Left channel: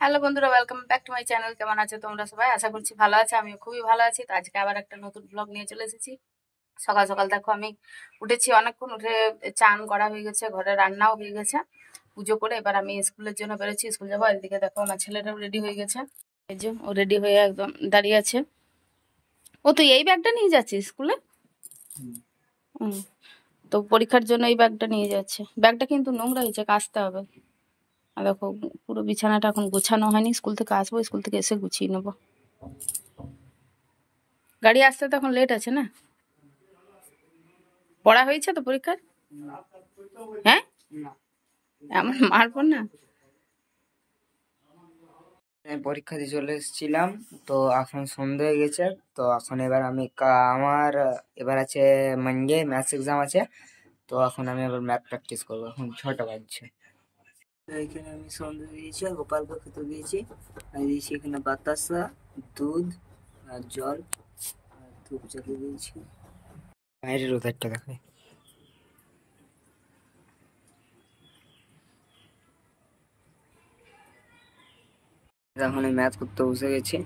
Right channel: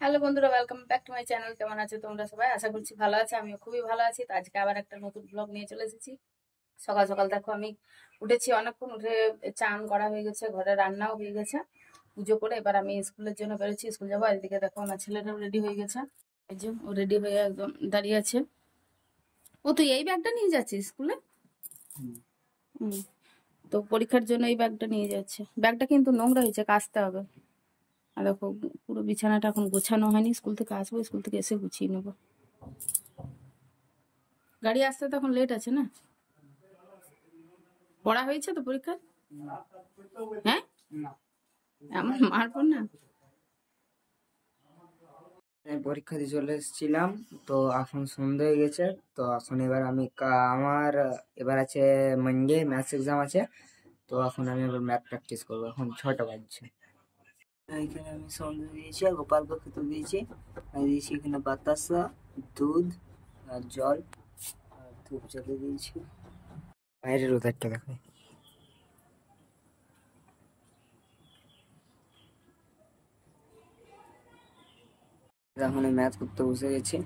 Hello বন্ধুরা, welcome back to my channel. কেমন আছো তোমরা সবাই? আশা করছি ভালো আছে। আমিও খুবই ভালো আছি। তো আজকে আবার একটা নতুন ব্লগ নিয়ে চলে এসেছি। সকাল সকাল দেখো আমি উঠেছি, অনেকক্ষণ উঠে চান করা হয়ে গেছে, ঘরে রান্নাও হয়ে গেছে। পুজো করে এবার আমি স্কুলের জন্য বেরোচ্ছি, স্কুল যাবো। আর এদিকে দেখো আমার ছেলেটাও রেডি হয়ে গেছে। এই যে ও রেডি হয়ে একদম দাঁড়িয়ে আছে। ও তুই এই ব্যাগটা নিয়ে যাচ্ছিস স্কুলে? হুম। তো পরীক্ষার জন্য এই ব্যাগটা নিয়ে যাচ্ছে। ব্যাগটা কিন্তু নোংরা হয়েছে, কাচতে হবে। আর দেখো পুরো বিছানাটা এখন গোছানো হয়নি, স্কুল থেকে আসবো, স্কুল থেকে এসে গুছিয়ে নেবো। গাড়ি আসতে তো এখন লেট আছে না? পড়া হয়েছে তো পরীক্ষার? হ্যাঁ, এমন মারবো না। আমি পরীক্ষা দিয়ে চলে এসেছিলাম, তো এখন সন্ধ্যে হয়ে গেছে। তো এখন এবার আমি আমার এবার আছে মানডে ম্যাথস এক্সাম আছে। তো এখন আমি এবার ম্যাথ প্র্যাকটিস করবো। এখন 6টা বাজছে। তো এখানে আমি সন্ধ্যে দিয়েছি আর গোপালকে খেতে দিয়েছি। আর দিয়েছি এখানে বাতাসা, দুধ আর জল আর ধূপ জ্বালিয়ে দিয়েছি। বাইরের ওদেরটা দেখায়। এখন আমি ম্যাথ করতে বসে গেছি।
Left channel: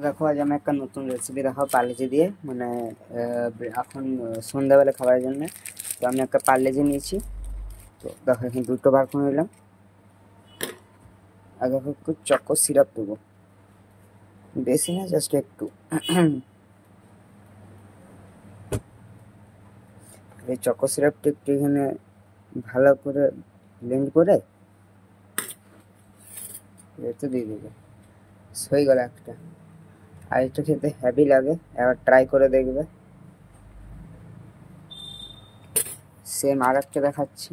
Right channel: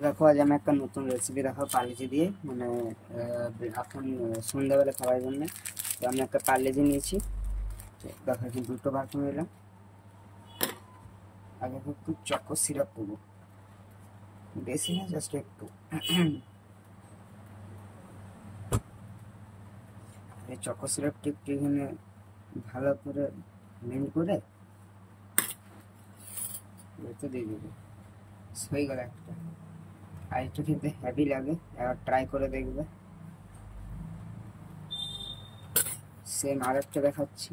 দেখো আজ আমি একটা নতুন রেসিপি দেখাবো পার্লেজি দিয়ে, মানে এখন সন্ধ্যাবেলা খাবারের জন্য। তো আমি একটা পার্লেজি নিয়েছি। তো দেখো এখানে দুটো বার করে নিলাম। আর দেখো একটু চকো সিরাপ দেবো, বেশি না, জাস্ট একটু। এই চকো সিরাপটা একটু এখানে ভালো করে ব্লেন্ড করে এতে দিয়ে দেবো। হয়ে গেল একটা। আর এটা খেতে হেভি লাগে, এবার ট্রাই করে দেখবে। সেম আর একটা দেখাচ্ছি।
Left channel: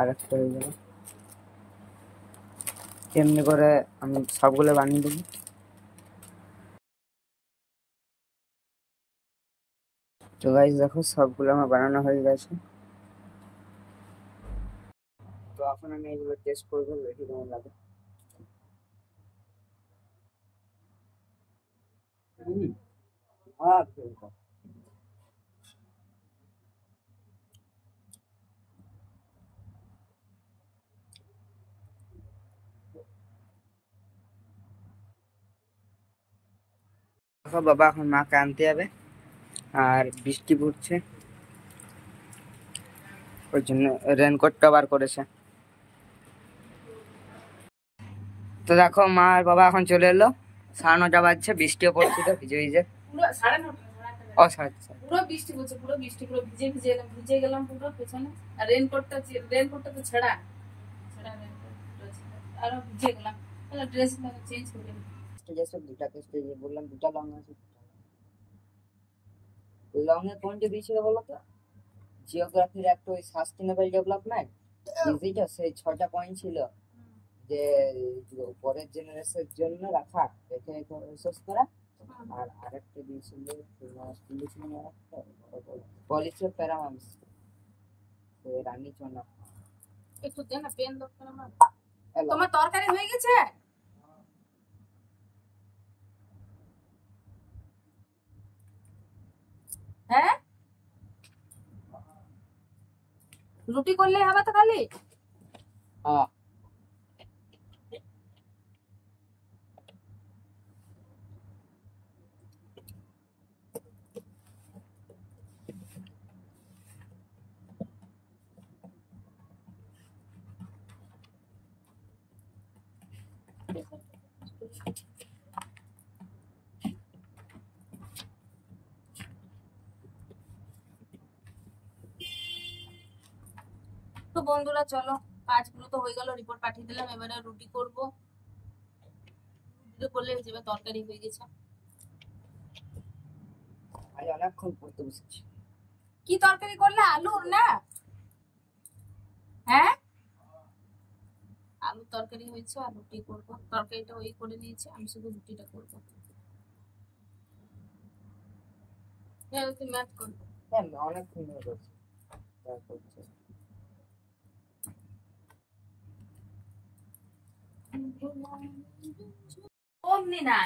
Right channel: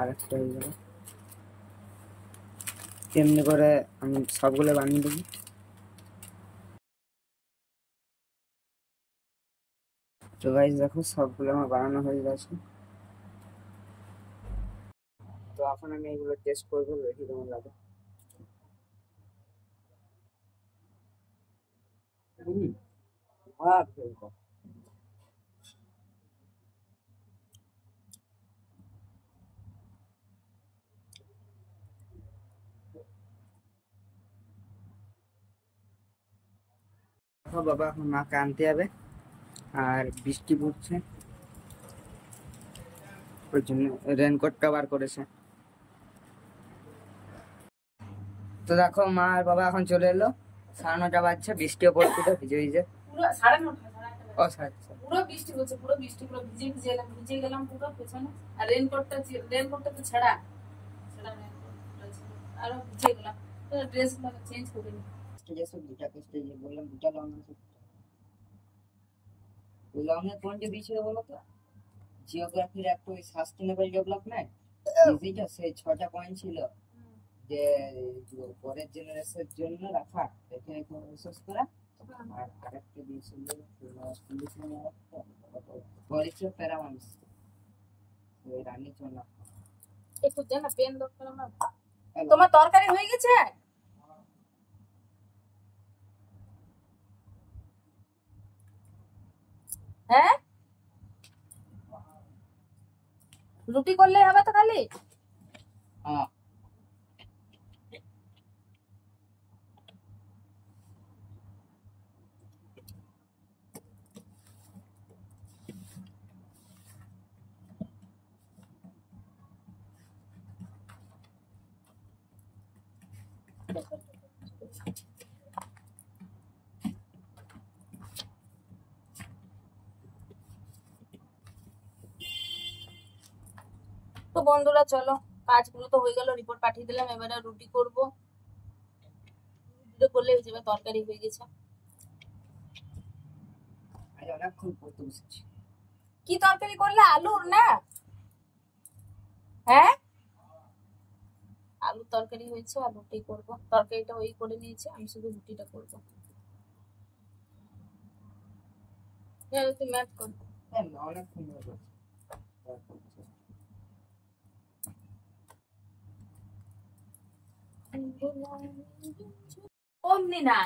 আর একটা হয়ে গেল। এমনি করে আমি সবগুলো বানিয়ে দেবো। তো গাইস দেখো সবগুলো আমার বানানো হয়ে গেছে। তো এখন আমি এগুলো টেস্ট করবো, দেখি কেমন লাগে। ভালো লাগছে। দেখো বাবা এখন মাকে আনতে যাবে, আর বৃষ্টি পড়ছে, ওই জন্য রেনকোটটা বার করেছে। তো দেখো মা আর বাবা এখন চলে এলো। 9:30 বাজছে, বৃষ্টিও পড়ছিল ভিজে ভিজে। পুরো 9:30, ও সাড়ে পুরো বৃষ্টি হচ্ছে, পুরো বৃষ্টি, পুরো ভিজে ভিজে এলাম, ভিজে গেলাম পুরো পেছনে। আর রেনকোটটা তো ছেঁড়া ছেঁড়া রেনকোটটা ছেঁড়া। আরো ভিজে গেলাম, ড্রেস চেঞ্জ করে নি। স্টেজে দুটা স্টেজে বললাম, দুটা লং আছে। লং এর কোনটা দিয়েছিল বলো তো? জিওগ্রাফির একটা ওই সাস্টেনেবল ডেভেলপমেন্ট, ইজিটা সেই 6টা পয়েন্ট ছিল, যে পরের জেনারেশনের জন্য রাখা, রেখে রেখে রিসোর্স করা। আর আরেকটা দিয়েছিল পলিসিও প্যারামাউন্স, রানী চনা। একটু দে না, পেন দরকার আমার। তোমার তরকারি হয়ে গেছে? হ্যাঁ, রুটি করলে হবে তো খালি? হ্যাঁ। তো বন্ধুরা চলো, কাজগুলো তো হয়ে গেল, রিপোর্ট পাঠিয়ে দিলাম, এবারে রুটি করবো। রুটি করলে হয়ে যাবে, তরকারি হয়ে গেছে। আজ অনেকক্ষণ পড়তে বসেছি। কি তরকারি করলে? আলুর না? হ্যাঁ, আলুর তরকারি হয়েছে, আর রুটি করবো। তরকারিটা ওই করে নিয়েছে, আমি শুধু রুটিটা করবো। তুই ম্যাথ কর। হ্যাঁ অনেক সুন্দর করছে যা করছে। অমনি না